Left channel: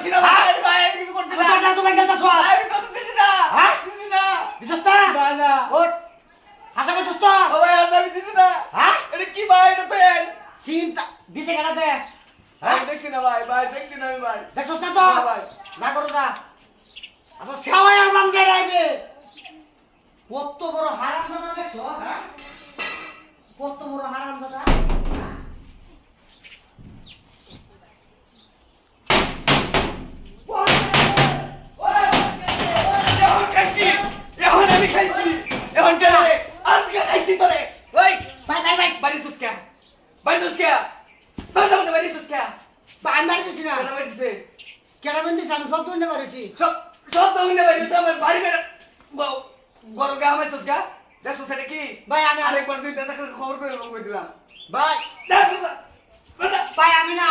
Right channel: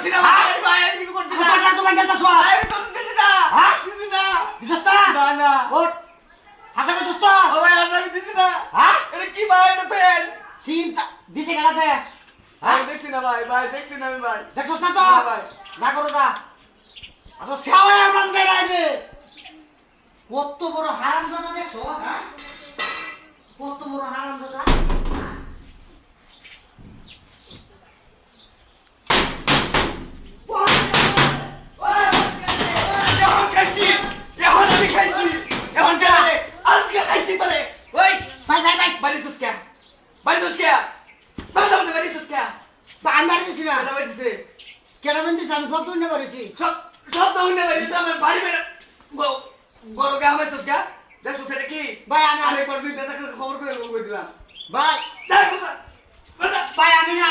করছি না ভাই ভাই আমি কিছু করছি না তোটা তো ভাঙ্গা যাস আমি তো দিছি না হ্যাঁ দিছি না দিছস না না না ওঠ হাসা কা সুস্থ ও ভাই আজ আমি দিছি না হ্যাঁ এটা কি ভাই এটা পেন চিন্তা দিছে কেডা দে ভাই দেখছি না ভাই ভাই দেখছি না আমি ভাই দেখছস না তো ভাই যা করো যা আচ্ছা সেওয়া আমরা যাইবে কত বড় হারামজাদা দেখছো হ্যাঁ কত বড় হারামজাদা কেডা বেন্দিস আমি সব দইনা করেছি ভাই আমি ভাই ভাই আমি না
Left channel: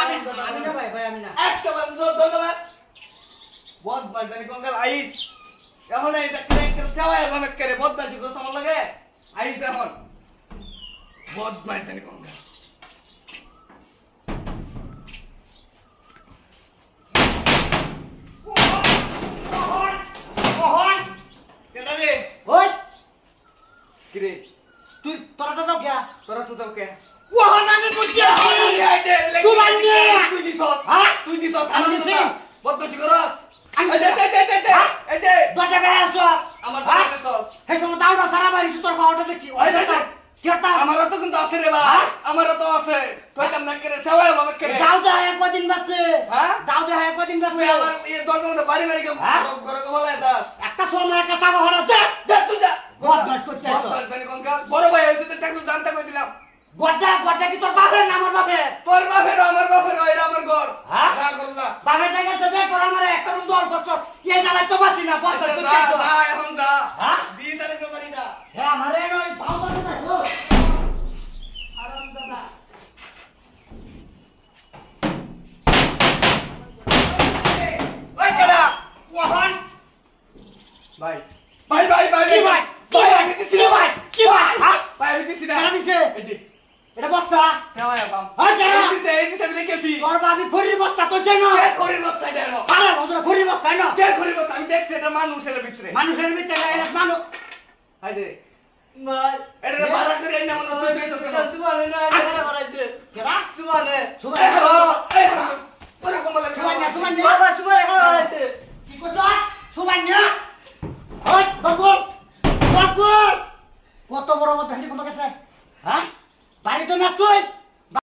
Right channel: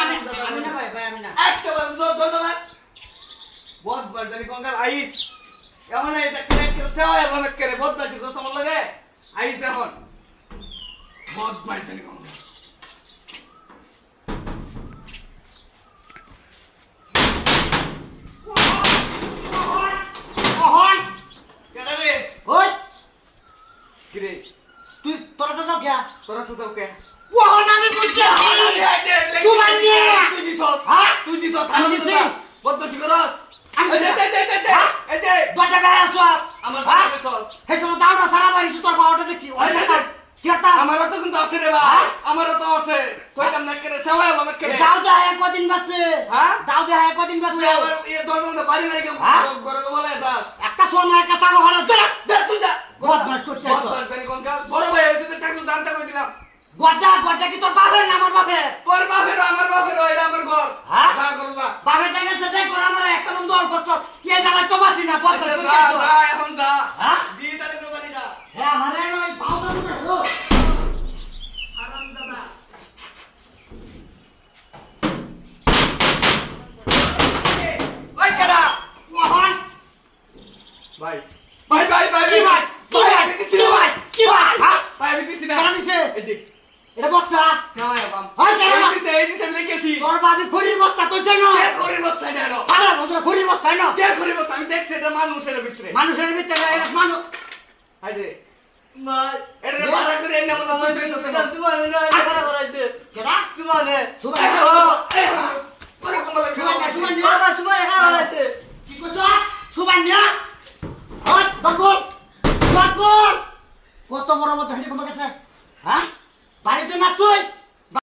ভাই ভাই আমি না ওই তুই তোরা তো যাও কে ওহন আমি বুঝছি সুমাইনে হ্যাঁ তুই দিছস আমি দিছি বদমাশি করস আমি এই যে দটা বেড়া চপ আমার হ্যাঁ দিছস হে সময় দাউড়া সারা বাড়ি তোর পাওয়াটা দেখছি ওই দেখো কেতা আমারও তো কিন্তু আছে রে ভাই আমারও তো আছে তুই তো না করে সেবা বাবা করে দাও দা একদিন বাসলে হ্যাঁ দাও দা একদিন বাসলে আমার এই দরজা বাড়ি বাড়ি ঘরে তো বলে দাস একটা সময় একটা সাগো হড়া দে তুই যা বদমাশ করতে আছো বদমাশ জানি কোনকা বড় ভাই হইছে তো টাকা জানতে কই দিলাম গড্ডা কি তোর বাপের না আমার বাপের তোর বাপের আমার এটা আমার ঘর হ্যাঁ ভাগ করো যা বাপের জায়গা সেটাই তোর আমার একটা রুম দল করছ কে জ্বালাই তো বাসি না বদমাশ করতে যা আছো যা এখন যা হ্যাঁ দি তারে বাড়ি না হ্যাঁ আমারে নয় পাও দাও না হ্যালো আরাম দাদা ওই কেডা ওহন ভাই কি ভাই আমি দিছি না ভাই কি ভাই হ্যাঁ ভাই আমি দিছি না কেন দিছে এই যে এটা বস্তা সেবা বাম হয় কেন এই দিছে আমি দেখেছি তোর বাবি খড়ির বস্তা তো চেন কে খড়ির বস্তা দেন আরে বন্ধুরা খড়ির বস্তা না কে খড়ির বস্তা আমি দেখছি এটা মানুষের ভিতরে মানুষের ভিতরে মানুষ হাই রে ভাই এটা বাড়া করে এনে মত তুই তুই তো সুমানে না এটা করাইছে কেডা সুমানে সুমানে তোরা কোন বলে সুমানে বাবা সুমানে করাইছে কি করছ সুমানে ওই বাবু কত বড় মত হাঁটি কোন কাছে হ্যাঁ বাড়িতে না তুই